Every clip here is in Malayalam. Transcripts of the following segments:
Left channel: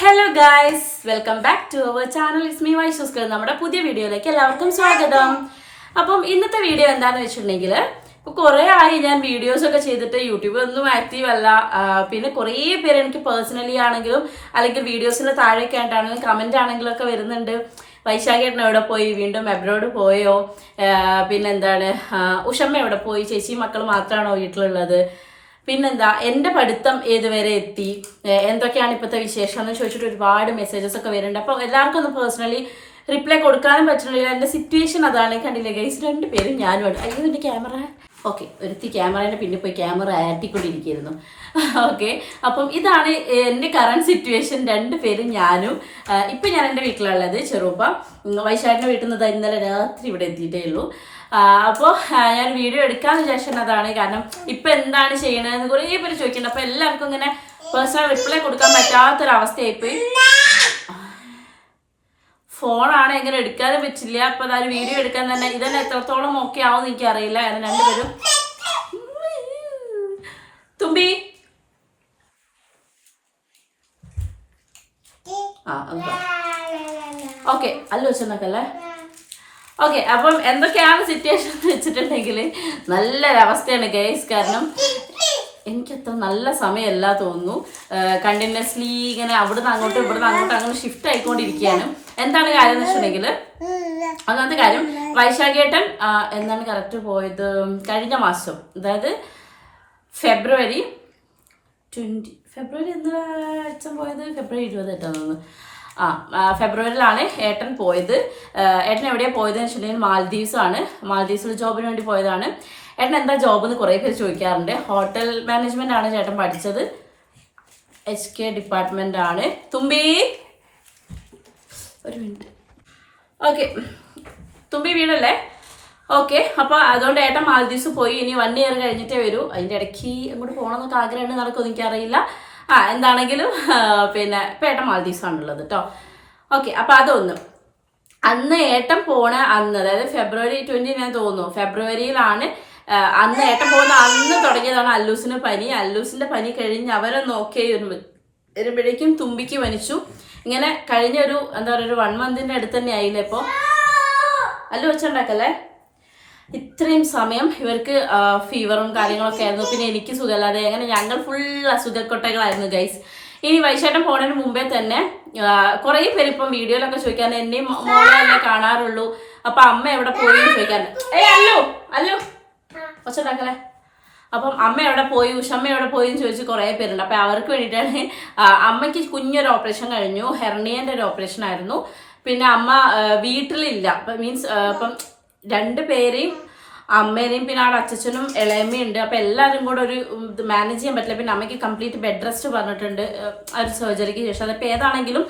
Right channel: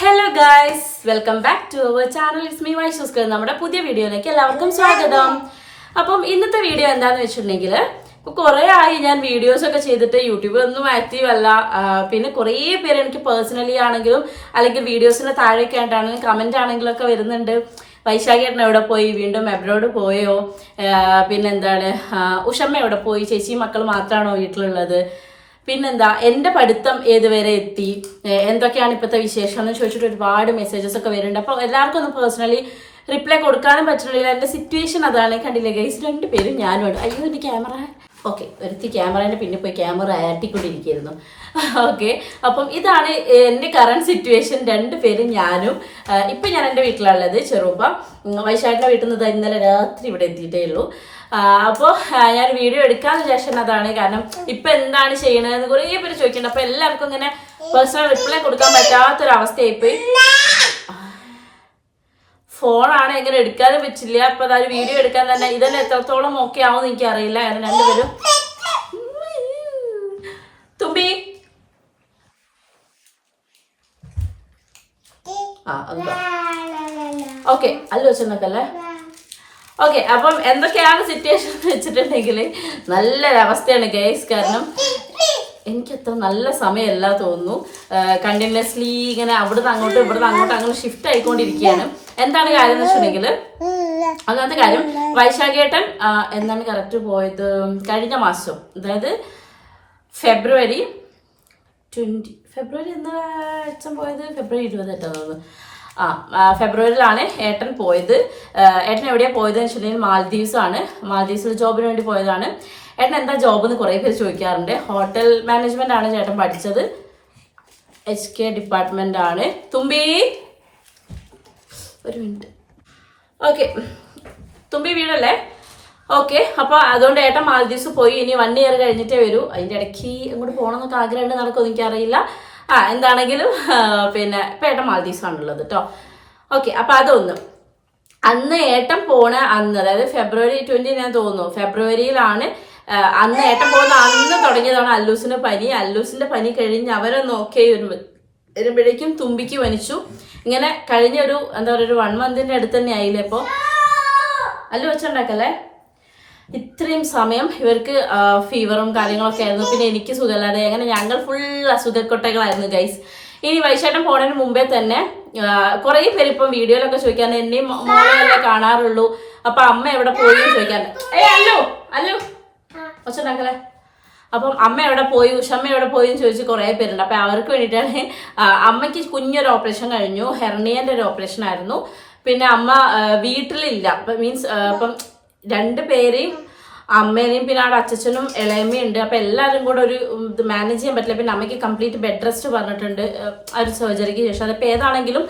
Hello guys welcome back to our channel is me വൈഷൂസ്കർ നമ്മുടെ പുതിയ വീഡിയോയിലേക്ക് എല്ലാവർക്കും സ്വാഗതം. അപ്പം ഇന്നത്തെ വീഡിയോ എന്താണെന്ന് വെച്ചിട്ടുണ്ടെങ്കിൽ കുറേ ആയി ഞാൻ വീഡിയോസ് ഒക്കെ ചെയ്തിട്ട് യൂട്യൂബിൽ ഒന്നും ആക്റ്റീവ് അല്ല. പിന്നെ കുറേ പേര് എനിക്ക് പേഴ്സണലി ആണെങ്കിലും അല്ലെങ്കിൽ വീഡിയോസിന്റെ താഴെയൊക്കെ ആയിട്ടാണെങ്കിലും കമന്റ് ആണെങ്കിലും ഒക്കെ വരുന്നുണ്ട്. വൈശാഖേട്ടൻ എവിടെ പോയി? വീണ്ടും എബ്രോഡ് പോയോ? പിന്നെ പിന്നെന്താണ് ഉഷമ്മ എവിടെ പോയി? ചേച്ചി മക്കൾ മാത്രമാണോ വീട്ടിലുള്ളത്? പിന്നെന്താ എന്റെ പഠിത്തം ഏതുവരെ എത്തി? എന്തൊക്കെയാണ് ഇപ്പോഴത്തെ വിശേഷം എന്ന് ചോദിച്ചിട്ട് ഒരുപാട് മെസ്സേജസ് ഒക്കെ വരുന്നുണ്ട്. അപ്പോൾ എല്ലാവർക്കും ഒന്ന് പേഴ്സണലി റിപ്ലൈ കൊടുക്കാനും പറ്റുന്നില്ല എന്റെ സിറ്റുവേഷൻ അതാണ്. കണ്ടില്ലേ ഗൈസ് രണ്ട് പേരും ഞാനുമാണ്. അയ്യോ എന്റെ ക്യാമറ ഓക്കെ ഒരുത്തി ക്യാമറേന്റെ പിന്നെ പോയി ക്യാമറ ആറ്റിക്കൊണ്ടിരിക്കുന്നു ഓക്കെ അപ്പം ഇതാണ് എന്റെ കറണ്ട് സിറ്റുവേഷൻ രണ്ട് പേരും ഞാനും. ഇപ്പം ഞാൻ എന്റെ വീട്ടിലുള്ളത് ചെറുപ്പം. വൈശാഖിന്റെ വീട്ടിൽ നിന്ന് ഇന്നലെ രാത്രി ഇവിടെ എത്തിയിട്ടേ ഉള്ളൂ. അപ്പോൾ ഞാൻ വീഡിയോ എടുക്കാന്ന് അതാണ് കാരണം ഇപ്പം എന്താണ് ചെയ്യണതെന്ന് കുറേ പേര് ചോദിക്കുന്നുണ്ട്. അപ്പോൾ എല്ലാവർക്കും ഇങ്ങനെ പേഴ്സണൽ റിപ്ലൈ കൊടുക്കാൻ പറ്റാത്തൊരവസ്ഥയായിപ്പോയി. ഫോണാണ് എങ്ങനെ എടുക്കാതെ പറ്റില്ല. അപ്പൊ അതായത് വീഡിയോ എടുക്കാൻ തന്നെ ഇതന്നെ എത്രത്തോളം ഓക്കെ ആവും എനിക്ക് അറിയില്ല കാരണം രണ്ടുപേരും തുമ്പി. ആ എന്താ? ഓക്കെ അല്ല വെച്ചെന്നൊക്കല്ലേ ഓക്കെ അപ്പം എന്തൊക്കെയാണ് സിറ്റുവേഷൻ എന്ന് വെച്ചിട്ടുണ്ടെങ്കിൽ നല്ലൊരവസ്ഥയാണ് ഗൈസ് കാരണം എനിക്കത്ര നല്ല സമയമല്ല തോന്നുന്നു. കണ്ടിന്യൂസ്ലി ഇങ്ങനെ അവിടുന്ന് അങ്ങോട്ട് ഇവിടുന്ന് അങ്ങോട്ട് അങ്ങനെ ഷിഫ്റ്റ് ആയിക്കൊണ്ടിരിക്കുകയാണ്. എന്താണ് കാര്യം എന്ന് വെച്ചിട്ടുണ്ടെങ്കിൽ ഒന്നാമത്തെ കാര്യം വൈശാഖേട്ടൻ എന്നാണ് കറക്റ്റ് പോയത്? കഴിഞ്ഞ മാസം അതായത് ഫെബ്രുവരി ട്വന്റി ഫെബ്രുവരി എന്താ അച്ഛൻ പോയത്? ഫെബ്രുവരി ഇരുപത് എട്ടാന്ന് തോന്നുന്നു. ആ ഫെബ്രുവരിയിലാണ് ഏട്ടൻ പോയത്. ഏട്ടൻ എവിടെയാണ് പോയതെന്ന് വെച്ചിട്ടുണ്ടെങ്കിൽ മാൽദീവ്സ് ആണ് മാൽദീവ്സിൽ ജോബിന് വേണ്ടി പോയതാണ്. ഏട്ടൻ എന്താ ജോബ് എന്ന് കുറേ പേര് ചോദിക്കാറുണ്ട്. ഹോട്ടൽ മാനേജ്മെന്റ് ആണ് ചേട്ടൻ പഠിച്ചത്. എച്ച് കെ ഡിപ്പാർട്ട്മെന്റ് ആണ്. തുമ്പി! ഒരു മിനിറ്റ്. ഓക്കെ തുമ്പി വീടല്ലേ ഓക്കെ അപ്പോൾ അതുകൊണ്ട് ഏട്ടൻ മാലദ്വീപ്സ് പോയി. ഇനി വൺ ഇയർ കഴിഞ്ഞിട്ടേ വരൂ. അതിന്റെ ഇടയ്ക്ക് അങ്ങോട്ട് പോകണമെന്നൊക്കെ ആഗ്രഹമുണ്ട് നടക്കുമെന്ന് എനിക്കറിയില്ല. ആ എന്താണെങ്കിലും പിന്നെ പേട്ട ആണുള്ളത് കേട്ടോ ഓക്കെ അപ്പോൾ അതൊന്ന്. അന്ന് ഏട്ടൻ പോണ അന്ന് അതായത് ഫെബ്രുവരി ട്വന്റി ഞാൻ തോന്നുന്നു. ഫെബ്രുവരിയിലാണ് അന്ന് ഏട്ടൻ പോകുന്ന അന്ന് തുടങ്ങിയതാണ് അല്ലൂസിന് പനി. അല്ലൂസിന്റെ പനി കഴിഞ്ഞ് അവരെ നോക്കി വരുമ്പോഴേക്കും തുമ്പിക്ക് വനിച്ചു. ഇങ്ങനെ കഴിഞ്ഞ ഒരു എന്താ പറയുക ഒരു വൺ മന്തിന്റെ അടുത്ത് തന്നെ ആയില്ലേ ഇപ്പോൾ അല്ലു വെച്ചുണ്ടാക്കല്ലേ ഇത്രയും സമയം ഇവർക്ക് ഫീവറും കാര്യങ്ങളൊക്കെ ആയിരുന്നു. പിന്നെ എനിക്ക് സുഖമില്ലാതെ അങ്ങനെ ഞങ്ങൾ ഫുൾ അസുഖക്കൊട്ടകളായിരുന്നു ഗൈസ് ഇനി വൈശാട്ടം പോണതിന് മുമ്പേ തന്നെ കുറേ പേര് ഇപ്പം വീഡിയോയിലൊക്കെ ചോദിക്കാൻ എന്നെയും മോളെ അല്ലേ കാണാറുള്ളൂ? അപ്പൊ അമ്മ എവിടെ പോയി? ചോദിക്കാറുണ്ട്. ഏ അല്ലോ അല്ലോ. ഒച്ചുണ്ടാക്കലേ അപ്പം അമ്മ എവിടെ പോയി ഉഷമ്മ എവിടെ പോയി എന്ന് ചോദിച്ച് കുറേ പേരുണ്ട്. അപ്പം അവർക്ക് വേണ്ടിയിട്ടാണ് അമ്മയ്ക്ക് കുഞ്ഞൊരു ഓപ്പറേഷൻ കഴിഞ്ഞു. ഹെർണിയന്റെ ഒരു ഓപ്പറേഷൻ ആയിരുന്നു. പിന്നെ അമ്മ വീട്ടിലില്ല. മീൻസ് അപ്പം രണ്ട് പേരെയും അമ്മേനെയും പിന്നെ അവിടെ അച്ഛനും ഇളയമ്മയും ഉണ്ട്. അപ്പം എല്ലാവരും കൂടെ ഒരു ഇത് മാനേജ് ചെയ്യാൻ പറ്റില്ല. പിന്നെ അമ്മയ്ക്ക് കംപ്ലീറ്റ് ബെഡ് റെസ്റ്റ് പറഞ്ഞിട്ടുണ്ട് ആ, ഒരു സർജറിക്ക് ശേഷം. അതിപ്പോൾ ഏതാണെങ്കിലും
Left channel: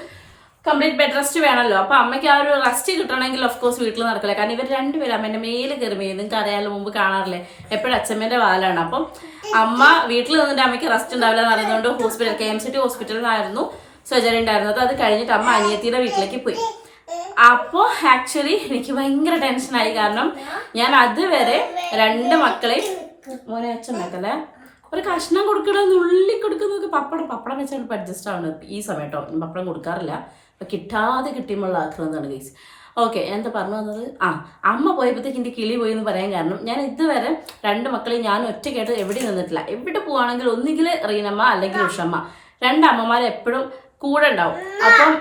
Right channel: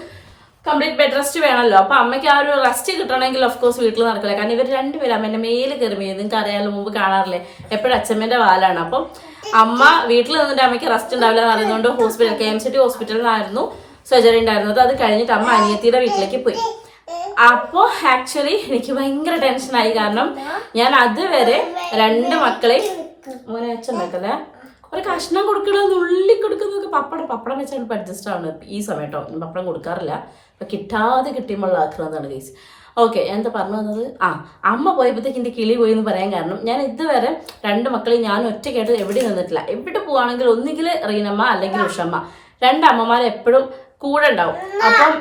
കംപ്ലീറ്റ് ബെഡ് റെസ്റ്റ് വേണമല്ലോ അപ്പം അമ്മയ്ക്ക് ആ ഒരു റെസ്റ്റ് കിട്ടണമെങ്കിൽ ഓഫ് കോഴ്സ് വീട്ടിൽ നടക്കില്ല. കാരണം ഇവർ രണ്ടുപേരും അമ്മേന്റെ മേൽ കയറി നിങ്ങൾക്ക് അറിയാമല്ലോ മുമ്പ് കാണാറില്ലേ? എപ്പോഴും അച്ഛമ്മേന്റെ വാലാണ്. അപ്പം അമ്മ വീട്ടിൽ നിന്നിട്ട് അമ്മയ്ക്ക് റെസ്റ്റ് ഉണ്ടാവില്ല എന്ന് അറിയുന്നതുകൊണ്ട് ഹോസ്പിറ്റൽ കെ എം സിറ്റി ഹോസ്പിറ്റലിൽ ഹോസ്പിറ്റലിലായിരുന്നു സർജറി ഉണ്ടായിരുന്നത്. അത് കഴിഞ്ഞിട്ട് അമ്മ അനിയത്തിയുടെ വീട്ടിലേക്ക് പോയി. അപ്പോൾ ആക്ച്വലി എനിക്ക് ഭയങ്കര ടെൻഷനായി കാരണം ഞാൻ അതുവരെ രണ്ട് മക്കളെ മോനെ അച്ഛൻ നോക്കല്ലേ ഒരു കഷ്ണം കൊടുക്കണമെന്ന് ഉള്ളി കൊടുക്കുന്നതൊക്കെ പപ്പടം പപ്പടം വെച്ചാൽ ഇപ്പം അഡ്ജസ്റ്റ് ആണ് ഈ സമയത്തോ പപ്പടം കൊടുക്കാറില്ല. അപ്പം കിട്ടാതെ കിട്ടിയുമ്പോൾ ആക്കുന്നതാണ് ഗൈസ് ഓക്കെ എന്താ പറഞ്ഞു വന്നത്? ആ അമ്മ പോയപ്പോഴത്തേക്ക് എന്റെ കിളി പോയി എന്ന് പറയാൻ കാരണം ഞാൻ ഇതുവരെ രണ്ട് മക്കളെയും ഞാൻ ഒറ്റയ്ക്കായിട്ട് എവിടെ നിന്നിട്ടില്ല. എവിടെ പോവാണെങ്കിൽ ഒന്നുകിൽ റീനമ്മ അല്ലെങ്കിൽ ഉഷമ്മ. രണ്ട് അമ്മമാരെ എപ്പോഴും കൂടെ ഉണ്ടാവും അപ്പം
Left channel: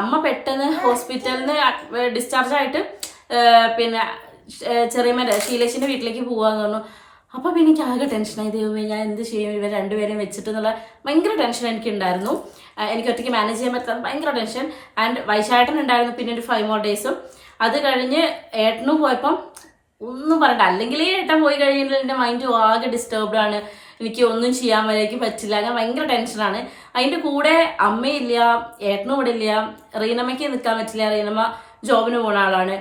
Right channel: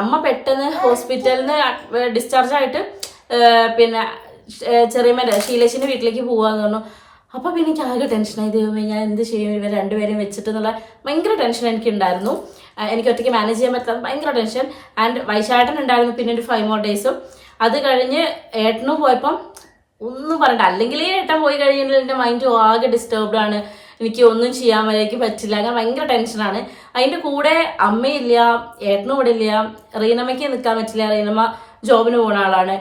അമ്മ പെട്ടെന്ന് ഹോസ്പിറ്റലിൽ നിന്ന് ഡിസ്ചാർജ് ആയിട്ട് പിന്നെ ചെറിയമ്മേന്റെ ശീലേശിന്റെ വീട്ടിലേക്ക് പോവാന്ന് പറഞ്ഞു. അപ്പോൾ പിന്നെ എനിക്ക് ആകെ ടെൻഷനായി. ദൈവമേ ഞാൻ എന്ത് ചെയ്യും? ഇവർ രണ്ടുപേരെയും വെച്ചിട്ട് എന്നുള്ള ഭയങ്കര ടെൻഷൻ എനിക്ക് ഉണ്ടായിരുന്നു എനിക്ക് ഒറ്റയ്ക്ക് മാനേജ് ചെയ്യാൻ പറ്റാത്ത ഭയങ്കര ടെൻഷൻ. ആൻഡ് വൈശാട്ടൻ ഉണ്ടായിരുന്നു പിന്നെ ഒരു ഫൈവ് മോർ ഡേയ്സും. അത് കഴിഞ്ഞ് ഏട്ടനും പോയപ്പം ഒന്നും പറയണ്ട അല്ലെങ്കിൽ ഏട്ടൻ പോയി കഴിഞ്ഞാൽ എന്റെ മൈൻഡ് ആകെ ഡിസ്റ്റർബ്ഡ് ആണ്. എനിക്ക് ഒന്നും ചെയ്യാൻ വരേക്ക് പറ്റില്ല. അങ്ങനെ ഭയങ്കര ടെൻഷനാണ് അതിന്റെ കൂടെ അമ്മയില്ല ഏട്ടനും ഇവിടെ ഇല്ല. റീനമ്മയ്ക്ക് നിൽക്കാൻ പറ്റില്ല. റീനമ്മ ജോബിന് പോകുന്ന ആളാണ്.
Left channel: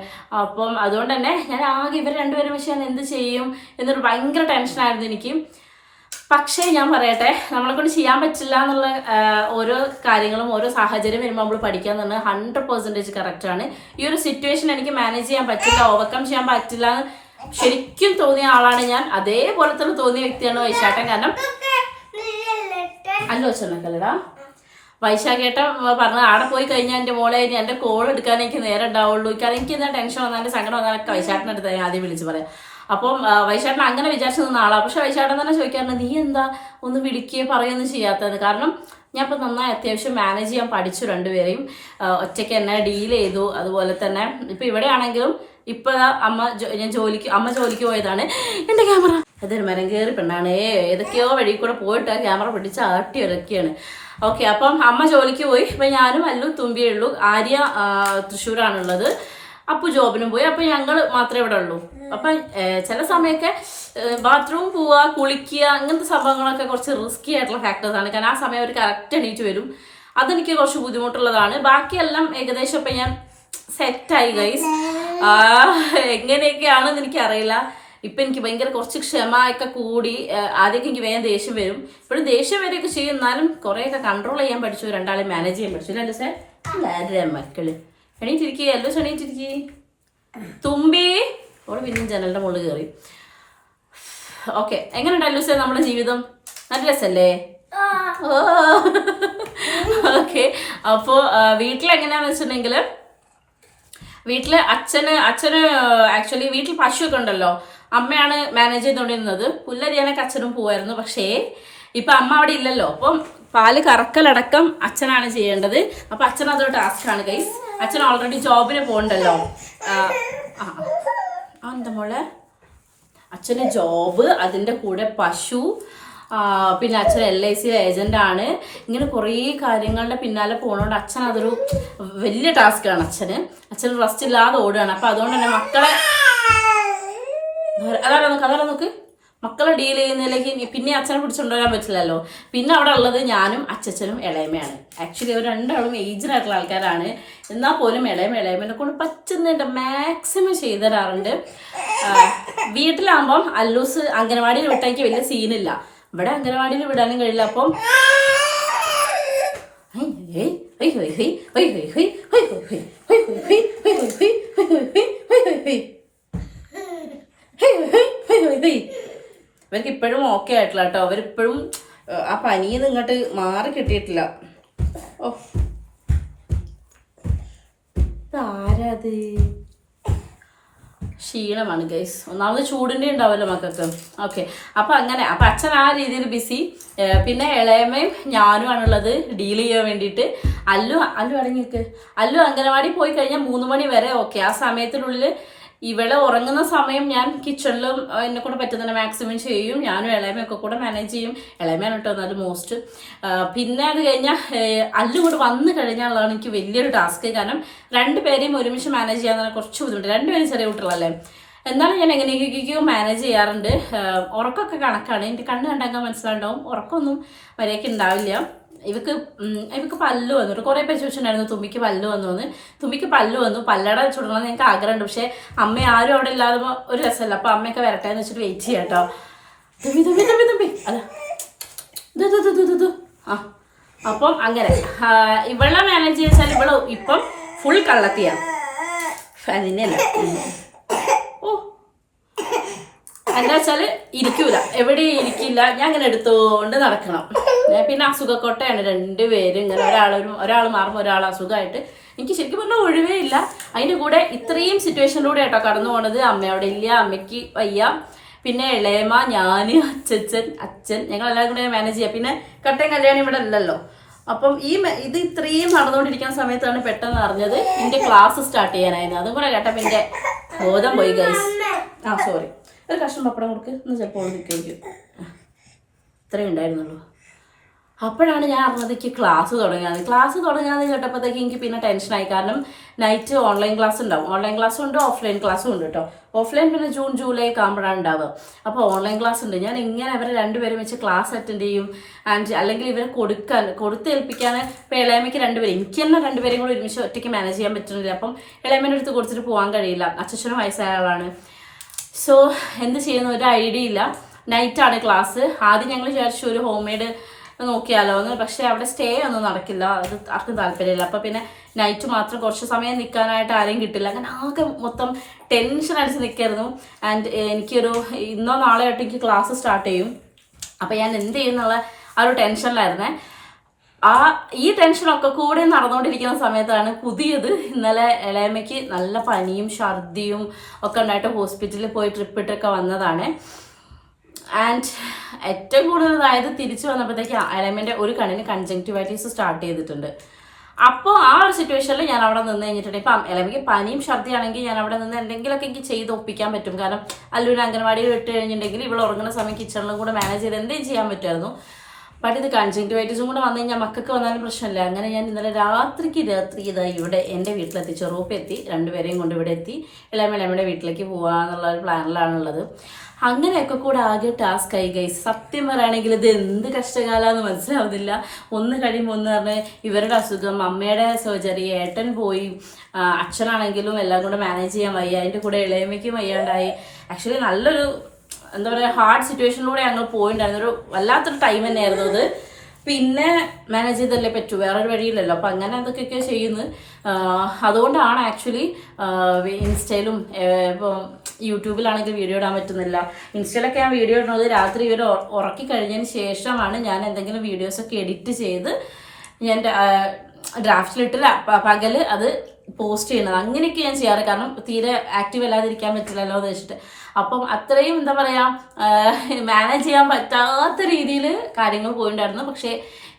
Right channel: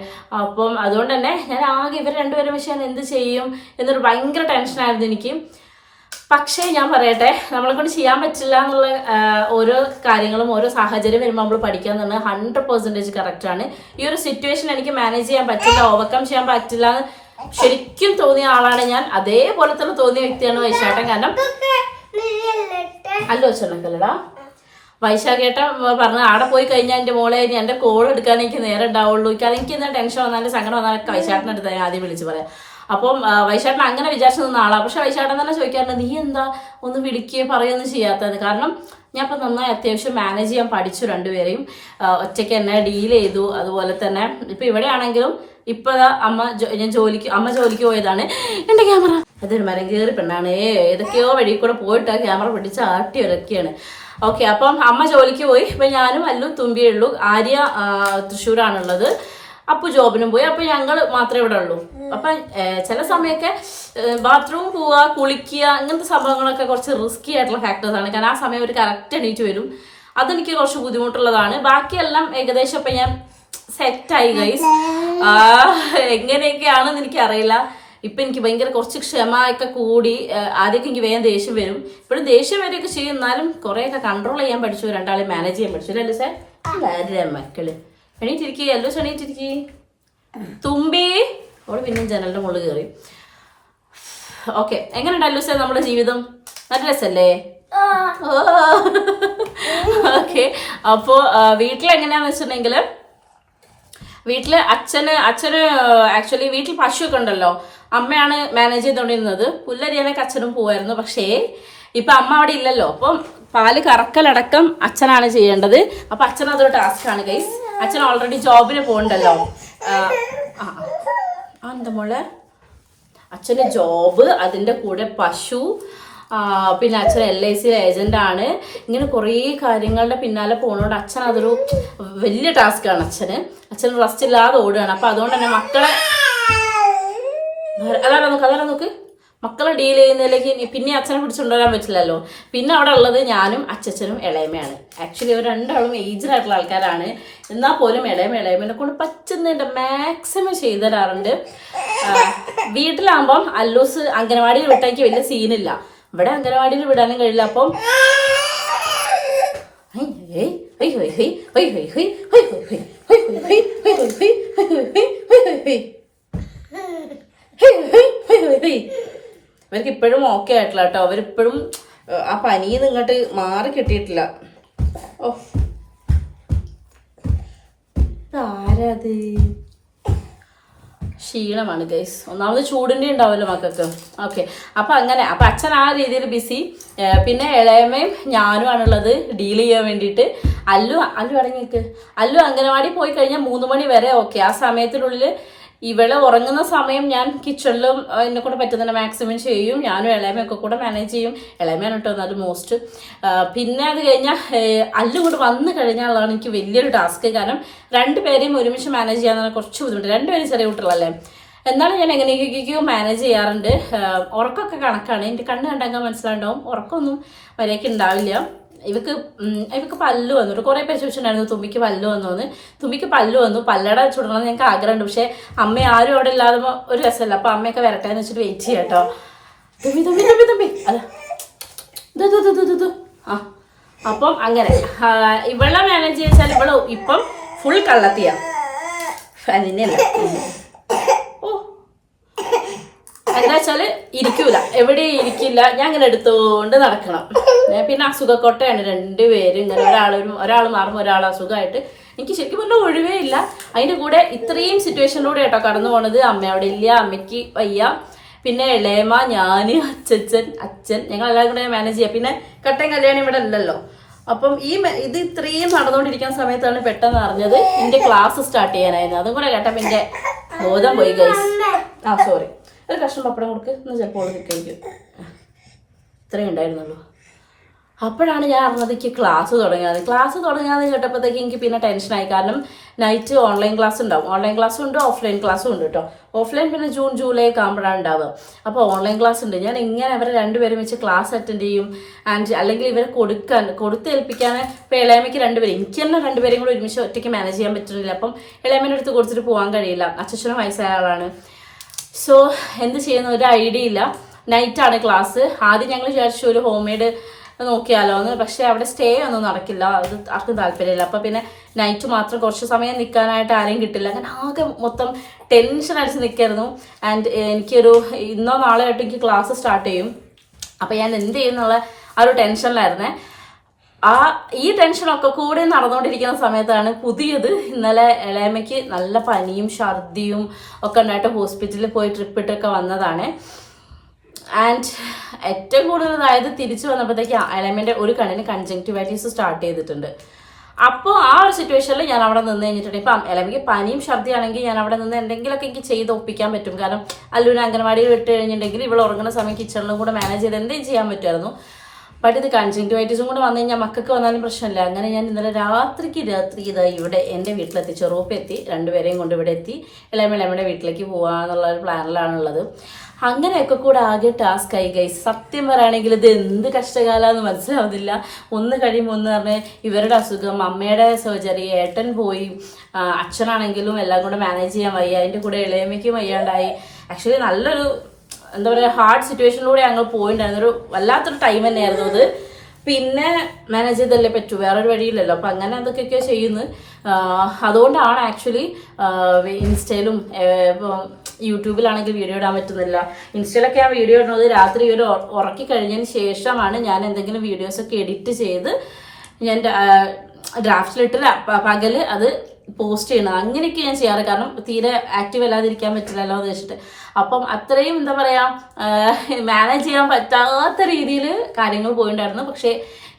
അപ്പം അതുകൊണ്ട് തന്നെ ഞാൻ ആകെ ഇവർ രണ്ടുപേരും പക്ഷേ ഞാൻ എന്ത് ചെയ്യും എന്നൊരു ഭയങ്കര ടെൻഷനായിരുന്നു എനിക്ക്. പക്ഷേ ഞാൻ പറയട്ടെ നമ്മളെ കൊണ്ട് ചെയ്യാൻ പറ്റില്ല എന്നുള്ള ഓരോ കാര്യങ്ങളും ഓരോ സാഹചര്യം വരുമ്പോൾ നമ്മൾ പഠിക്കാൻ തന്നെ ഹൺഡ്രഡ് പെർസെന്റേജ് കറക്റ്റാണ് ഈ ഒരു സിറ്റുവേഷൻ എനിക്ക് മാനേജ് ചെയ്യാൻ പറ്റില്ല ഓവർകം ചെയ്യാൻ പറ്റില്ല എന്ന് ശരിക്കും തോന്നിയ ആളാണ് ഞാൻ. അതേപോലെ തന്നെ തോന്നിയ വ്യക്തിയാണ് വൈശാട്ടൻ. കാരണം അല്ലോ ചെന്നക്കല്ലടാ വൈശാഖേട്ട പറഞ്ഞു ആടെ പോയി കഴിഞ്ഞാൽ എന്റെ മോളെ ഇനി എന്റെ കോൾ എടുക്കാൻ എനിക്ക് നേരം ഉണ്ടാവുള്ളൂ. കാരണം എനിക്ക് എന്താ ടെൻഷൻ വന്നാലും സങ്കടം വന്നാലൊക്കെ വൈശാട്ടിന്റെ അടുത്ത് ഞാൻ ആദ്യം വിളിച്ച് പറയാം. അപ്പം വൈശാട്ടൻ അങ്ങനെ വിചാരിച്ചു നിന്ന ആളാണ് പക്ഷെ വൈശാഖൻ തന്നെ ചോദിക്കാറുണ്ട് നീ എന്താ ഒന്ന് വിളിക്കുകയോ പറയുകയൊന്നും ചെയ്യാത്തത്? കാരണം ഞാൻ ഇപ്പം നന്നായി അത്യാവശ്യം മാനേജ് ചെയ്യാൻ പഠിച്ചു രണ്ടുപേരെയും. ഒറ്റയ്ക്ക് എന്നെ ഡീൽ ചെയ്തു. അതുപോലെ തന്നെ ഇപ്പം ഇവിടെ ആണെങ്കിലും ഇപ്പൊ ദാ അമ്മ ഞാൻ ജോലിക്ക് അമ്മ ജോലിക്ക് പോയതാണ്. എന്റെ ക്യാമറ. അതൊരു മരം കയറി പെണ്ണാണ്. ഏതൊക്കെയോ വഴി കൂടെ പോയിട്ട് ആ ക്യാമറ പിടിച്ച് ആട്ടി ഇറക്കിയാണ് ഓക്കെ അപ്പം അമ്മ ജോലിക്ക് പോയി. ഇപ്പൊ ഞാനും അല്ലു തുമ്പിയേ ഉള്ളൂ. ആര്യ തൃശ്ശൂരാണുള്ളത്. അപ്പു ജോബിനും പോയി. അപ്പൊ ഞങ്ങൾ മാത്രമേ ഇവിടെ ഉള്ളൂ. അപ്പൊ ചില സമയൊക്കെ ബാത്റൂം പോവുക കുളിക്കുക ഇങ്ങനത്തെ സംഭവങ്ങളൊക്കെ കുറച്ച് റിസ്കി ആയിട്ടുള്ള ഫാക്ടേഴ്സ് ആണ്. കാരണം ആ സമയം ഒരു കറക്റ്റ് എണീറ്റ് വരും. അതെനിക്ക് കുറച്ച് ബുദ്ധിമുട്ടുള്ളതാണ്. ബാക്കിയെല്ലാം ഏകദേശം ഇപ്പം ഞാൻ സെറ്റായി ഗൈസ് എങ്ങനെയൊക്കെയാണെന്ന് എനിക്കറിയില്ല. ഇപ്പം എനിക്ക് ഭയങ്കര കുറച്ച് ക്ഷമ ഒക്കെ കൂടി ആദ്യമൊക്കെ എനിക്ക് വേഗം ദേഷ്യം വരും. ഇപ്പോഴും ദേഷ്യം വരെയൊക്കെ ചെയ്യും. എന്നാലും കുറേയൊക്കെ കൺട്രോൾ ചെയ്യാൻ പഠിച്ചു. രണ്ടാളെ മാനേജ് ചെയ്യാൻ പഠിച്ചു. അല്ലേ സാർ ആരുടെ മക്കൾ? എണീറ്റിരിക്കുക എല്ലോ എണീറ്റിരിക്കുക തുമ്പി. അവൾ പിന്നെയും ജനലിന്റെ മുകളിൽ കയറി ഓക്കെ. എങ്ങനെ അല്ലു സാർ നമ്മുടെ ജീവിതം? നല്ല രസല്ലേ? ഓക്കെ. അപ്പോൾ വീട്ടിലെങ്ങനെയാന്ന് വെച്ചിട്ടുണ്ടെങ്കിൽ വീട്ടിൽ അച്ഛന് അച്ഛന് ആക്ച്വലി വീട്ടിൽ പശുവൊക്കെ ഉണ്ടല്ലോ. അമ്മയാണ് മാനേജ് ചെയ്തുകൊണ്ടിരുന്നത് പുല്ലരിയാനൊക്കെ അച്ഛനും പോവായിരുന്നു. പക്ഷേ ഇപ്പൊ അമ്മ അവിടെ ഇല്ലല്ലോ. അപ്പം പാൽ കറക്കലടക്കം അച്ഛനാണ് ചെയ്യേണ്ടത്. അപ്പൊ അച്ഛൻ അതൊരു ടാസ്ക് ആണ് ഗൈസ് അച്ഛൻ ഓൾറെഡി ജോബിന് പോകണ്ടല്ലോ. ആ എന്താ മോളെ? അച്ഛന് ജോബ് അതിന്റെ കൂടെ പശു പിന്നെ അച്ഛൻ എൽ ഐ സി ഏജന്റ് ആണ്. ഇങ്ങനെ കുറേ കാര്യങ്ങളുടെ പിന്നാലെ പോകണോണ്ട് അച്ഛൻ അതൊരു വലിയ ടാസ്ക് ആണ് അച്ഛന്. അച്ഛൻ റെസ്റ്റ് ഇല്ലാതെ ഓടുകയാണ്. അപ്പൊ അതുകൊണ്ട് തന്നെ മക്കളെ അതാ നോക്ക് അതാ നോക്ക്? മക്കളെ ഡീൽ ചെയ്യുന്നതിലേക്ക് പിന്നെ അച്ഛനെ പിടിച്ചുകൊണ്ടുവരാൻ പറ്റില്ലല്ലോ. പിന്നെ അവിടെ ഉള്ളത് ഞാനും അച്ഛനും ഇളയമയാണ് ആക്ച്വലി അവർ രണ്ടാളും ഏജ്ഡ് ആയിട്ടുള്ള ആൾക്കാരാണ്. എന്നാൽ പോലും ഇളയമ ഇളയമനെ കൊണ്ട് പറ്റുന്നുണ്ട് മാക്സിമം ചെയ്തു തരാറുണ്ട്. വീട്ടിലാകുമ്പം അല്ലൂസ് അംഗനവാടിയിൽ വിട്ടേക്ക് വലിയ സീനില്ല ഇവിടെ അംഗനവാടിയിൽ വിടാനും കഴിയില്ല അപ്പം ഇവർക്ക് ഇപ്പോഴും ഓക്കെ ആയിട്ടില്ല കേട്ടോ അവരിപ്പോഴും ആ പനിയിൽ നിന്ന് ഇങ്ങോട്ട് മാറി കിട്ടിയിട്ടില്ല ഓ ആരാത് ക്ഷീണമാണ് ഗൈസ് ഒന്നാമത് ചൂടിന്റെ ഉണ്ടാവുമല്ലോ മക്കൾക്ക്. ഓക്കെ അപ്പം അങ്ങനെ അപ്പം അച്ഛൻ ആ രീതിയിൽ ബിസി പിന്നെ ഇളയമ്മയും ഞാനുമാണുള്ളത് ഡീൽ ചെയ്യാൻ വേണ്ടിയിട്ട്. അല്ലു അല്ലു അടങ്ങിക്ക് അല്ലു അംഗനവാടി പോയി കഴിഞ്ഞാൽ മൂന്ന് മണി വരെ ഓക്കെ ആ സമയത്തിനുള്ളിൽ ഇവളെ ഉറങ്ങുന്ന സമയം ഞാൻ കിച്ചണിലും എന്നെ കൊണ്ട് പറ്റുന്ന മാക്സിമം ചെയ്യും. ഞാനും ഇളയമയൊക്കെ കൂടെ മാനേജ് ചെയ്യും. ഇളയമയാണ് കേട്ടോ എന്നാലും മോസ്റ്റ് പിന്നെ അത് കഴിഞ്ഞാൽ അല്ലു കൂടെ വന്നു കഴിഞ്ഞാലാണ് എനിക്ക് വലിയൊരു ടാസ്ക് കാരണം രണ്ടുപേരെയും ഒരുമിച്ച് മാനേജ് ചെയ്യാൻ കുറച്ച് ബുദ്ധിമുട്ട്. രണ്ടുപേരും ചെറിയ കുട്ടികളല്ലേ. എന്നാലും ഞാൻ എങ്ങനെയൊക്കെയൊക്കെയോ മാനേജ് ചെയ്യാറുണ്ട്. ഉറക്കമൊക്കെ കണക്കാണ്. എന്റെ കണ്ണ് കണ്ടാൽ മനസ്സിലാണ്ടാവും. ഉറക്കമൊന്നും മര്യാദയ്ക്ക് ഉണ്ടാവില്ല. ഇവക്ക് ഇവക്ക് പല്ല് വന്നു. കുറേ പേര് ചോദിച്ചിട്ടുണ്ടായിരുന്നു തുമ്പിക്ക് പല്ല് വന്നു എന്ന്. തുമ്പിക്ക് പല്ല് വന്നു. പല്ലട ചുടണം എന്ന് ഞങ്ങൾക്ക് ആഗ്രഹമുണ്ട്. പക്ഷേ അമ്മ ആരും അവിടെ ഇല്ലാതെ ഒരു രസമല്ല. അപ്പൊ അമ്മയൊക്കെ വരട്ടെ എന്ന് വെച്ചിട്ട് വെയിറ്റ് ചെയ്യാം കേട്ടോ. തുമ്പി തുമ്പി. ആ. അപ്പം അങ്ങനെ. ഇവളെ മാനേജ് ചെയ്താൽ ഇവൾ ഇപ്പം ഫുൾ കള്ളത്തിയാ. അതിനല്ല ഓ. എന്താ വെച്ചാൽ ഇരിക്കൂല. എവിടെ ഇരിക്കില്ല. ഞാൻ അങ്ങനെ എടുത്തുകൊണ്ട് നടക്കണം. പിന്നെ അസുഖക്കൊട്ടയാണ് രണ്ടുപേരും. ഇങ്ങനെ ഒരാൾ ഒരാൾ മാറുമ്പോൾ ഒരാൾ അസുഖമായിട്ട്. എനിക്ക് ശരിക്കും പറഞ്ഞാൽ ഒഴിവേ ഇല്ല. അതിന്റെ കൂടെ ഇത്രയും സിറ്റുവേഷനിലൂടെ കേട്ടോ കടന്നു പോണത്. അമ്മ അവിടെ ഇല്ല അമ്മയ്ക്ക് വയ്യ. പിന്നെ ഇളയമ്മ ഞാൻ അച്ഛൻ അച്ഛൻ. ഞങ്ങൾ എല്ലാവരും കൂടെ മാനേജ് ചെയ്യാം. പിന്നെ കട്ടൻ കല്യാണം ഇവിടെ അല്ലല്ലോ അപ്പം ഈ ഇത് ഇത്രയും നടന്നുകൊണ്ടിരിക്കുന്ന സമയത്താണ് പെട്ടെന്ന് അറിഞ്ഞത് എന്റെ ക്ലാസ് സ്റ്റാർട്ട് ചെയ്യാനായിരുന്നു. അതും കൂടെ കേട്ടപ്പോൾ എന്റെ ബോധം പോയി ഗൈസ് ആ സോറി ഒരു കഷ്ണം പപ്പടം കൊടുക്ക്. എന്ന് ചിലപ്പോൾ ഇത്രയും ഉണ്ടായിരുന്നുള്ളൂ. അപ്പോഴാണ് ഞാൻ അറിഞ്ഞത് എനിക്ക് ക്ലാസ് തുടങ്ങിയത് ക്ലാസ് തുടങ്ങാന്ന് കേട്ടപ്പോഴത്തേക്ക് എനിക്ക് പിന്നെ ടെൻഷനായി കാരണം നൈറ്റ് ഓൺലൈൻ ക്ലാസ് ഉണ്ടാവും. ഓൺലൈൻ ക്ലാസ്സും ഉണ്ട് ഓഫ്ലൈൻ ക്ലാസ്സും ഉണ്ട് കേട്ടോ ഓഫ്ലൈൻ പിന്നെ ജൂൺ ജൂലൈ ഒക്കെ ആകുമ്പോഴാണ് ഉണ്ടാവുക. അപ്പോൾ ഓൺലൈൻ ക്ലാസ് ഉണ്ട്. ഞാൻ എങ്ങനെ അവരെ രണ്ടുപേരും വെച്ച് ക്ലാസ് അറ്റൻഡ് ചെയ്യും. ആൻഡ് അല്ലെങ്കിൽ ഇവരെ കൊടുക്കാൻ കൊടുത്തേൽപ്പിക്കാൻ ഇപ്പോൾ ഇളയമ്മയ്ക്ക് രണ്ടുപേരും. എനിക്ക് തന്നെ രണ്ടുപേരും കൂടി ഒരുമിച്ച് ഒറ്റയ്ക്ക് മാനേജ് ചെയ്യാൻ പറ്റുന്നില്ല. അപ്പം ഇളയമ്മേന്റെ അടുത്ത് കൊടുത്തിട്ട് പോകാൻ കഴിയില്ല. അച്ഛനും വയസ്സായ ആളാണ്. സോ എന്ത് ചെയ്യുന്ന? ഒരു ഐഡിയ ഇല്ല. നൈറ്റാണ് ക്ലാസ് ആദ്യം ഞങ്ങൾ വിചാരിച്ചു ഒരു ഹോം മെയ്ഡ് നോക്കിയാലോ എന്ന്. പക്ഷേ അവിടെ സ്റ്റേ ഒന്നും നടക്കില്ല. അത് ആർക്കും താല്പര്യമില്ല. അപ്പോൾ പിന്നെ നൈറ്റ് മാത്രം കുറച്ച് സമയം നിൽക്കാനായിട്ട് ആരെയും കിട്ടില്ല. അങ്ങനെ ആകെ മൊത്തം ടെൻഷൻ അടിച്ച് നിൽക്കായിരുന്നു ആൻഡ് എനിക്കൊരു ഇന്നോ നാളെ ആയിട്ട് എനിക്ക് ക്ലാസ് സ്റ്റാർട്ട് ചെയ്യും. അപ്പോൾ ഞാൻ എന്ത് ചെയ്യുന്നുള്ള ആ ഒരു ടെൻഷനിലായിരുന്നേ ആ ഈ ടെൻഷനൊക്കെ കൂടെ നടന്നുകൊണ്ടിരിക്കുന്ന സമയത്താണ് പുതിയത് ഇന്നലെ ഇളയമ്മയ്ക്ക് നല്ല പനിയും ഛർദിയും ഒക്കെ ഉണ്ടായിട്ട് ഹോസ്പിറ്റലിൽ പോയി ട്രിപ്പ് ഇട്ടൊക്കെ വന്നതാണ്. ആൻഡ് ഏറ്റവും കൂടുതൽ അതായത് തിരിച്ചു വന്നപ്പോഴത്തേക്ക് അലമിന്റെ ഒരു കണ്ണിന് കൺജങ്ക്റ്റിവൈറ്റീസ് സ്റ്റാർട്ട് ചെയ്തിട്ടുണ്ട്. അപ്പോൾ ആ ഒരു സിറ്റുവേഷനിൽ ഞാൻ അവിടെ നിന്ന് കഴിഞ്ഞിട്ടുണ്ട്. ഇപ്പം അല്ലെങ്കിൽ പനിയും ഛർദിയാണെങ്കിൽ ഞാൻ അവിടെ നിന്ന് എന്തെങ്കിലുമൊക്കെ എനിക്ക് ചെയ്ത് ഒപ്പിക്കാൻ പറ്റും. കാരണം അല്ലൂര് അംഗനവാടിയിൽ വിട്ട് കഴിഞ്ഞിട്ടുണ്ടെങ്കിൽ ഇവൾ ഉറങ്ങുന്ന സമയം കിച്ചണിലും കൂടെ മാനേജ് ചെയ്ത് എന്തെങ്കിലും ചെയ്യാൻ പറ്റുമായിരുന്നു. ബട്ട് ഇത് കൺജങ്ക്ടിവൈറ്റീസും കൂടെ വന്നു കഴിഞ്ഞാൽ മക്കൾക്ക് വന്നാലും പ്രശ്നമില്ല. അങ്ങനെ ഞാൻ ഇന്നലെ രാത്രിക്ക് രാത്രി ഇതാ ഇവിടെ എന്റെ വീട്ടിലെത്തി ചെറുപ്പ് എത്തി. രണ്ടുപേരെയും കൊണ്ട് ഇവിടെ എത്തി. എല്ലാം ഇളമയുടെ വീട്ടിലേക്ക് പോകാന്നുള്ള ഒരു പ്ലാനിലാണുള്ളത് അങ്ങനെയൊക്കെ കൂടെ ആകെ ടാസ്ക് ആയി ഗൈസ് സത്യം പറയുകയാണെങ്കിൽ ഇത് എന്ത് കഷ്ടകാലമെന്ന് മനസ്സിലാവുന്നില്ല. ഒന്ന് കഴിയുമ്പോൾ ഒന്ന് പറഞ്ഞ് ഇവരുടെ അസുഖം അമ്മയുടെ സർജറി ഏട്ടൻ പോയി അച്ഛനാണെങ്കിലും എല്ലാം കൂടെ മാനേജ് ചെയ്യാൻ വയ്യ അതിന്റെ കൂടെ ഇളയമ്മയ്ക്കും വയ്യാണ്ടായി. ആക്ച്വലി നല്ലൊരു എന്താ പറയുക ഹാർഡ് സിറ്റുവേഷനിലൂടെ ഞങ്ങൾ പോയിണ്ടായിരുന്നു. ഒരു വല്ലാത്തൊരു ടൈം തന്നെയായിരുന്നു അത്. പിന്നെ മാനേജ് ചെയ്തല്ലേ പറ്റൂ വേറൊരു വഴിയില്ലല്ലോ. അപ്പം അങ്ങനെ എന്തൊക്കെയൊക്കെയോ ചെയ്യുന്നത് അതുകൊണ്ടാണ് ആക്ച്വലി ഇൻസ്റ്റയിലും ഇപ്പം യൂട്യൂബിലാണെങ്കിൽ വീഡിയോ ഇടാൻ പറ്റുന്നില്ല. ഇൻസ്റ്റയിലൊക്കെ ഞാൻ വീഡിയോ ഇടുന്നത് രാത്രി ഇവർ ഉറക്കി കഴിഞ്ഞതിന് ശേഷമാണ് ഞാൻ എന്തെങ്കിലും വീഡിയോസൊക്കെ എഡിറ്റ് ചെയ്ത് ഞാൻ ഡ്രാഫ്റ്റിലിട്ട് പകൽ അത് പോസ്റ്റ് ചെയ്യണം അങ്ങനെയൊക്കെ ഞാൻ ചെയ്യാറ്. കാരണം തീരെ ആക്റ്റീവ് അല്ലാതിരിക്കാൻ പറ്റില്ലല്ലോ എന്ന് വെച്ചിട്ട്. അപ്പം അത്രയും എന്താ പറയുക മാനേജ് ചെയ്യാൻ പറ്റാത്ത രീതിയിൽ കാര്യങ്ങൾ പോയിണ്ടായിരുന്നു. പക്ഷേ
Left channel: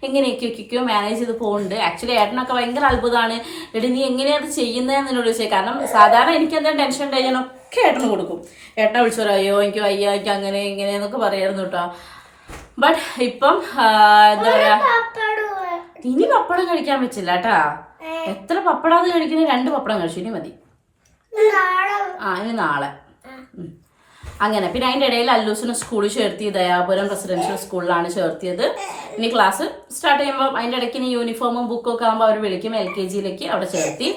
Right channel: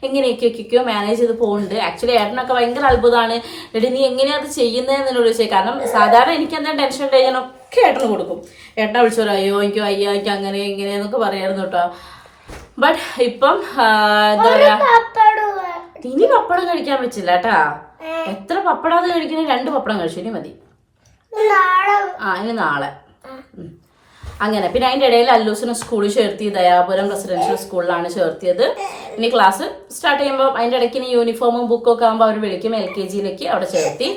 എങ്ങനെയൊക്കെയൊക്കെയോ മാനേജ് ചെയ്ത് പോകുന്നുണ്ട് ആക്ച്വലി ഏട്ടനൊക്കെ ഭയങ്കര അത്ഭുതമാണ്. എടി നീ എങ്ങനെയാണ് അത് ചെയ്യുന്നതെന്ന് എന്നോട് ചോദിച്ചത് കാരണം സാധാരണ എനിക്ക് എന്തെങ്കിലും ടെൻഷൻ ഉണ്ട് കഴിഞ്ഞാൽ ഏട്ടന് കൊടുക്കും. ഏട്ടനെ വിളിച്ചു പറയും അയ്യോ എനിക്ക് വയ്യ എനിക്ക് അങ്ങനെ ഇങ്ങനെ എന്നൊക്കെ പറയായിരുന്നു കേട്ടോ. ബട്ട് ഇപ്പം എന്താ പറയാ ഇനി പപ്പടം കഴിക്കാൻ പറ്റില്ല കേട്ടാ. എത്ര പപ്പടാന്ന് കഴിക്കണേ? രണ്ട് പപ്പടം കഴിച്ചു. ഇനി മതി. ആ ഇനി നാളെ. അങ്ങനെ പിന്നെ അതിന്റെ ഇടയിൽ അല്ലൂസിനെ സ്കൂളിൽ ചേർത്തി ദയാപുരം റെസിഡൻഷ്യൽ സ്കൂളിലാണ് ചേർത്തിയത്. ഇനി ക്ലാസ് സ്റ്റാർട്ട് ചെയ്യുമ്പോൾ അതിന്റെ ഇടയ്ക്ക് ഇനി യൂണിഫോമും ബുക്കും ഒക്കെ ആകുമ്പോൾ അവർ വിളിക്കും എൽ കെ ജിയിലേക്ക് അവിടെ ചേർത്തി.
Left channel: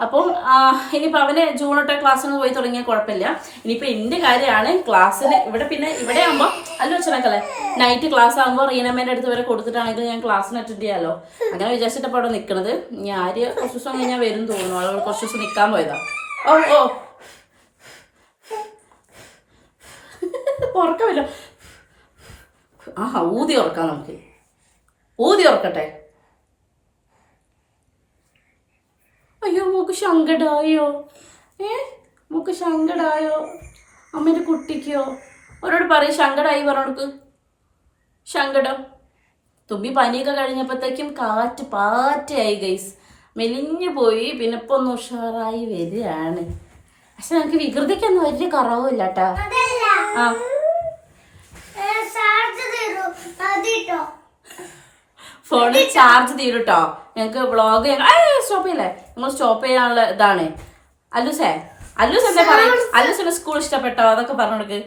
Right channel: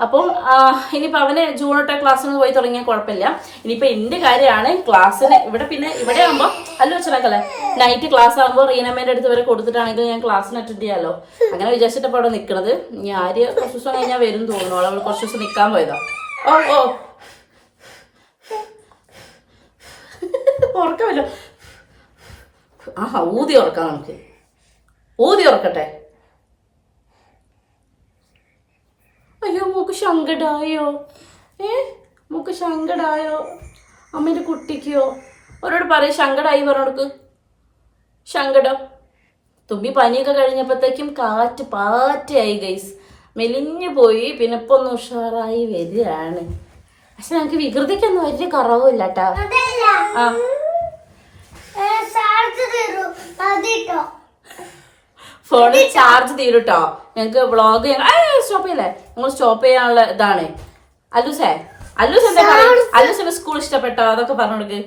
അപ്പം ആ, ഇനിയിപ്പോൾ അവന് ജൂൺ തൊട്ടേ ക്ലാസ്സിന് പോയി തുടങ്ങിയാൽ കുഴപ്പമില്ല. ഇനിയിപ്പോൾ എന്റെ കാര്യമാണ് ക്ലാസ്സിന് ഇവിടെ പിന്നെ ഇവിടെ ആകുമ്പോൾ അല്ല വെച്ചാക്കല്ലേ നൈറ്റ് ക്ലാസ് ആകുമ്പോൾ റീനമ്മേന്റെ അടുത്ത് വരെ കൊടുത്തിട്ടാണെങ്കിൽ ഞാൻ ക്ലാസ്സിന് അറ്റൻഡ് ചെയ്യാമല്ലോ അങ്ങനെ വിചാരിച്ചിട്ടപ്പോൾ അവിടെ നിൽക്കുന്നത് ഇനി ആര് കുറച്ച് ദിവസം കഴിഞ്ഞാൽ വരും തോന്നുന്നു. അവൾ കുറച്ച് ദിവസം നിൽക്കാൻ പോയതാ. ഓ ഓ. ഉറക്കമല്ലോ. ആഹാ ഊതി ഉറക്കാം നമുക്ക്. ഊതി ഉറക്കട്ടെ. അയ്യോ മോക്ക് ശങ്കടായോ? ഏ? മോക്ക് ശങ്കടായോ? അമ്മേന്റെ കുട്ടിക്കോ? അവരോട് പറയും ശങ്കടായി പറഞ്ഞോടുക്ക്. ശങ്കടം. തുമ്പി പനിയൊക്കെ കഴിഞ്ഞപ്പോഴത്തേക്കും കാറ്റ് പാറ്റയായി ഗൈസ് മെലിഞ്ഞു പോയി പിന്നെ ഇപ്പൊ ഒന്ന് ഉഷാറായി വരികയാണ്. പക്ഷെ ഞങ്ങൾക്ക് വികൃതിക്കൊന്നും വലിയ കുറവില്ല കേട്ടോ ആ. ഫോണിൽ ചാർജ് തീരുട്ടോ ഞങ്ങൾക്ക് വ്ളോഗ് സ്റ്റോപ്പ് ചെയ്യല്ലേ? നിങ്ങൾ സ്റ്റോപ്പ് ചെയ്യാനുള്ള ഇതാണ്. അല്ലൂസേ അല്ലൂസ് എന്താ പറയും? അല്ലൂസിന്റെ സ്കൂൾ ഇഷ്ടപ്പെട്ടോ? അതൊക്കെ പറഞ്ഞു കൊടുക്ക്.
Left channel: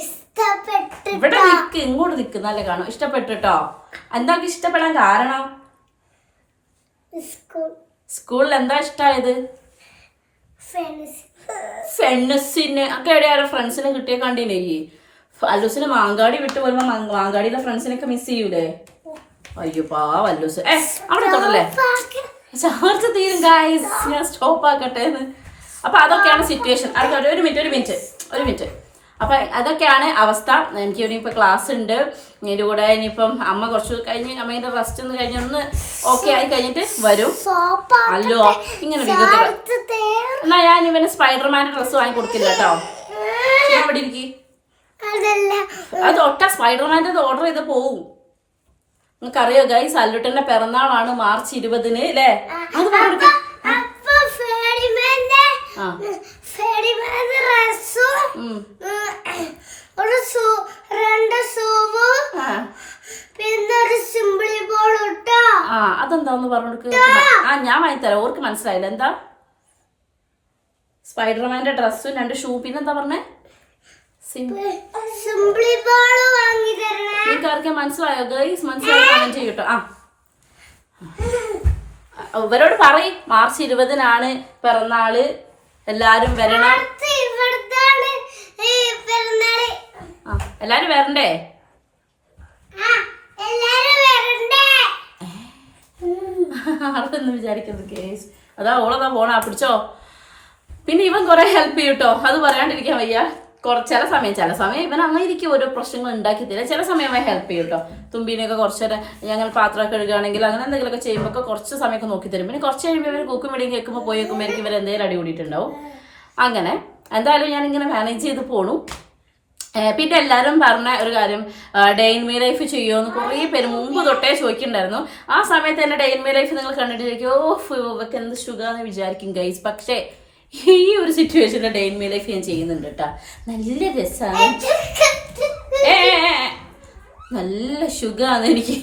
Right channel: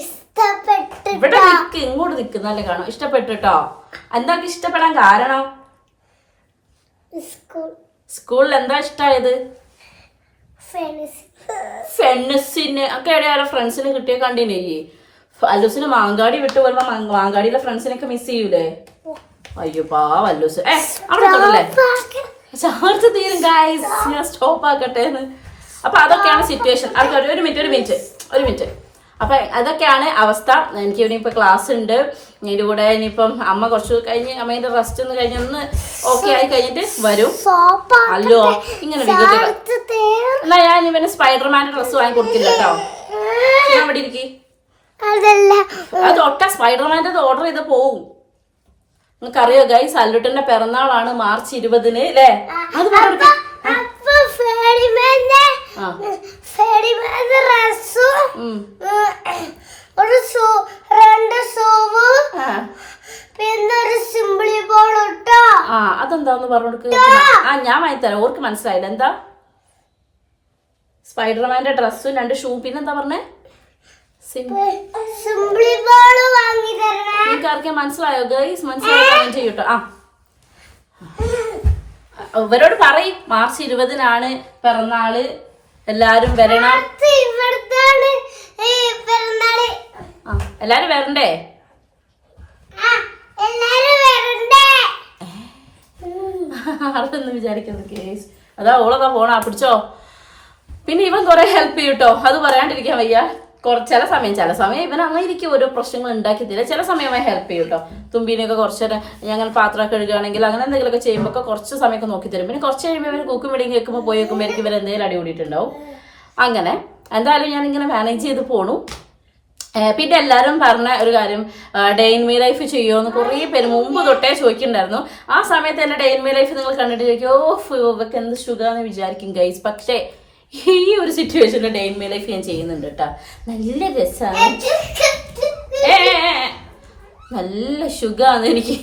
ഇഷ്ടപ്പെട്ട് ഇവിടെ നിക്ക് ഇങ്ങോട്ട് നിൽക്കുന്നല്ലേ നല്ല കാണും. ഇഷ്ടപ്പെട്ടിട്ടോ? എന്താ ഇഷ്ടപ്പെടാൻ കാരണം? സ്കൂളിൽ എന്താ ഇഷ്ടമായത് ഫ്രണ്ട്സ് ഫ്രണ്ട്സിന് ഒക്കെ എവിടെയാലും ഫ്രണ്ട്സിനെ കിട്ടിയ കണ്ടില്ലേ? അല്ലൂസിന് മാങ്കാടി വിട്ട് വരുമ്പോ മാങ്കാടിയിലെ ഫ്രണ്ട്സിനൊക്കെ മിസ് ചെയ്യൂലേ? അയ്യോ പാവ അല്ലൂസ്. ഏ അവിടെ തൊടല്ലേ? ചാർജ് തീരും ഗായ്സ് ഞാൻ സ്റ്റോപ്പ് ആക്കട്ടെ എന്ന്. അപ്പൊ അതൊക്കെയാണ് സിറ്റുവേഷൻ അത് ഒരു മിനിറ്റ് ഒരു മിനിറ്റ് ഒരു മിനിറ്റ് അപ്പൊ അതൊക്കെയാണ് അവസ്ഥ. എനിക്ക് ഇനിയിപ്പോ ക്ലാസ് ഉണ്ട്. ഇതിന്റെ കൂടെ ഇനിയിപ്പം അമ്മ കുറച്ച് കഴിഞ്ഞ് അമ്മേന്റെ റെസ്റ്റ് ഒന്ന് കഴിഞ്ഞ് ഒന്ന് ഓക്കെ ആയി കഴിഞ്ഞിട്ട് വരും. അല്ലോ ഇങ്ങനെ എന്നാ ഞാൻ ഇവന് സ്പൈഡർമാന്റെ ഡ്രസ്സ് വാങ്ങി കൊടുക്കില്ല കേട്ടോ. ഞാൻ ഇവിടെ ഇരിക്കി? അതല്ല. അത് ഒട്ട സ്പൈഡർമാന്റെ ഓർഡർ ചെയ്ത് പോവും. നിങ്ങൾക്കറിയോ ഗൈസ് അല്ലുട്ടന്റെ പിറന്നാളാണ് മാർച്ച് ഇരുപതിന് അല്ലേ അത് പറഞ്ഞു. ഒരു രണ്ട് പിന്നെ ഒരു സിമ്പിളി ബോൾ ഇട്ടോ. ആ അതെന്താന്ന് പറഞ്ഞു ആ ഞാൻ വാങ്ങിത്തരാം. ഓർക്ക് മനസ്സിലായില്ല. എന്താ? സ്പൈഡർമാന്റെ ഡ്രസ്സും രണ്ട് ഷൂ പിന്നെന്താ പറഞ്ഞേ സിം സിമ്പിളി ബോൾ വാങ്ങി തരണേ നിങ്ങൾക്ക് ആർക്കെ മനസ്സിലായോ? ഗൈസ് മനസ്സിലായോ? കമന്റ് ചെയ്യട്ടോ ആ. ഇവരോട് പറയും. മാർച്ച് ഇരുപതിനാണ് പിറന്നാൾ. എല്ലാരും വരണം. ആ എല്ലാരും വരണ്ടേ? അതൊന്നും വിചാരിക്കുന്നത് കേസ് അതാ ഓളതാ പോണാ പിടിച്ചോ. പിന്നെ ഇവൻ കുറെ ഹെൽപ്പ് ചെയ്യൂട്ടോ. അത് പറയാണ്ടിരിക്കാൻ വയ്യ. കുറച്ച് ചില സമയം ചില സമയം ഇവൻ അങ്ങനെ ഇരിക്കും ഓരോ പ്രശ്നങ്ങൾ ഉണ്ടാക്കി ചില സമയം അവൻ ഹെൽപ്പ് ചെയ്യും കേട്ടോ തുമ്പീനെയൊക്കെ കുറച്ച് ഞങ്ങൾ പാത്രം കഴുകുകയാണെങ്കിൽ അങ്ങനെ എന്തെങ്കിലുമൊക്കെ ചെയ്യുമ്പോൾ ഒക്കെ കുറച്ച് സമയമൊക്കെ നോക്കി തരും. പിന്നെ കുറച്ച് കഴിയുമ്പോൾ ഇവർ കൂക്കും വിളിയും കേൾക്കുമ്പോൾ പോയി വെക്കുമ്പോഴേക്കും ഇവർ എന്തെങ്കിലും അടി കൂടിയിട്ടുണ്ടാവും. അങ്ങനെ എന്തായാലും ഞാൻ ഇങ്ങനെ മാനേജ് ചെയ്ത് പോണു. പിന്നെ എല്ലാവരും പറഞ്ഞ ഒരു കാര്യം ഡേ ഇൻ മീ ലൈഫ് ചെയ്യുമോ കുറേ പേര് മുമ്പ് തൊട്ടേ ചോദിക്കുന്നുണ്ടായിരുന്നു. ആ സമയത്ത് എന്റെ ഡേ ഇൻ മീ ലൈഫ് നിങ്ങൾ കണ്ടിട്ട് ചോദിക്കും ഓ ഇവക്ക് എന്ത് സുഖമാണെന്ന് വിചാരിക്കും ഗൈസ് പക്ഷേ ഈ ഒരു സിറ്റുവേഷനിൽ ഡേ ലൈഫ് ഞാൻ ചെയ്യുന്നുണ്ട് കേട്ടോ നല്ല രസമാണ്. നല്ല സുഖമാണ് എനിക്ക്.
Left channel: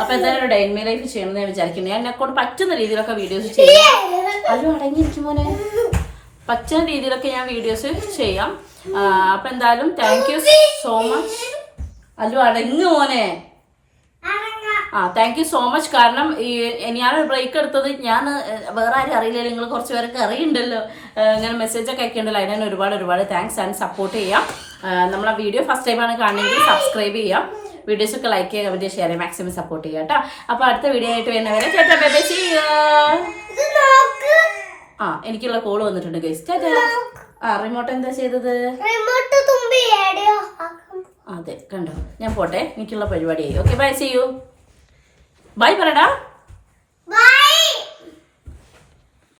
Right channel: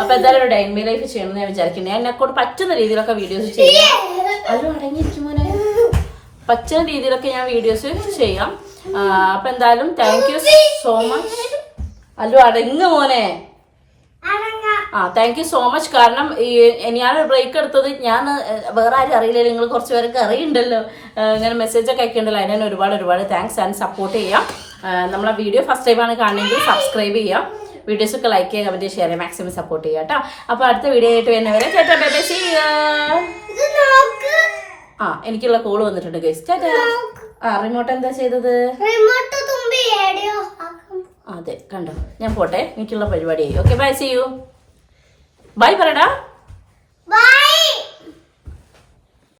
അപ്പൊ എന്തായാലും ഒരു ഡേ ലൈഫ് ചെയ്യണമെന്ന് ഞാൻ വിചാരിക്കുന്നു. ഞാൻ എന്നെക്കൊണ്ട് പറ്റുന്ന രീതിയിലൊക്കെ വീഡിയോസ് ചെയ്യാം. അതും അടങ്ങിയിരിക്കും മോനെ. പറ്റുന്ന രീതിയിലൊക്കെ ഞാൻ വീഡിയോസ് ചെയ്യാം. അപ്പൊ എന്തായാലും thank you so much Allu അടങ്ങ് മോനെ. ആ താങ്ക് യു സോ മച്ച് കാരണം ഈ ഞാനൊരു ബ്രേക്ക് എടുത്തത് ഞാൻ വേറെ ആരും അറിയില്ല നിങ്ങൾ കുറച്ച് പേരൊക്കെ അറിയുണ്ടല്ലോ. ഇങ്ങനെ മെസ്സേജ് ഒക്കെ അയക്കുന്നുണ്ടല്ലോ അതിന് ഒരുപാട് ഒരുപാട് താങ്ക്സ് ആൻഡ് സപ്പോർട്ട് ചെയ്യാം. നമ്മളെ വീഡിയോ ഫസ്റ്റ് ടൈമാണ് കാണണമെങ്കിൽ സബ്സ്ക്രൈബ് ചെയ്യാം. വീഡിയോസ് ഒക്കെ ലൈക്ക് ചെയ്യുക കമന്റ് ഷെയർ ചെയ്യുക മാക്സിമം സപ്പോർട്ട് ചെയ്യാം കേട്ടോ. അപ്പോൾ അടുത്ത വീഡിയോ ആയിട്ട് വരുന്നവരെ ചേട്ടാ ബേബേ ആ എനിക്കുള്ള കോൾ വന്നിട്ടുണ്ട് ഗൈസ് ചേട്ടാ ആ റിമോട്ട് എന്താ ചെയ്തത്? അതെ കണ്ടോ. ഞാൻ പോട്ടെ എനിക്കുള്ള പരിപാടിയായി. Okay bye see you bye പറയടാ ബൈ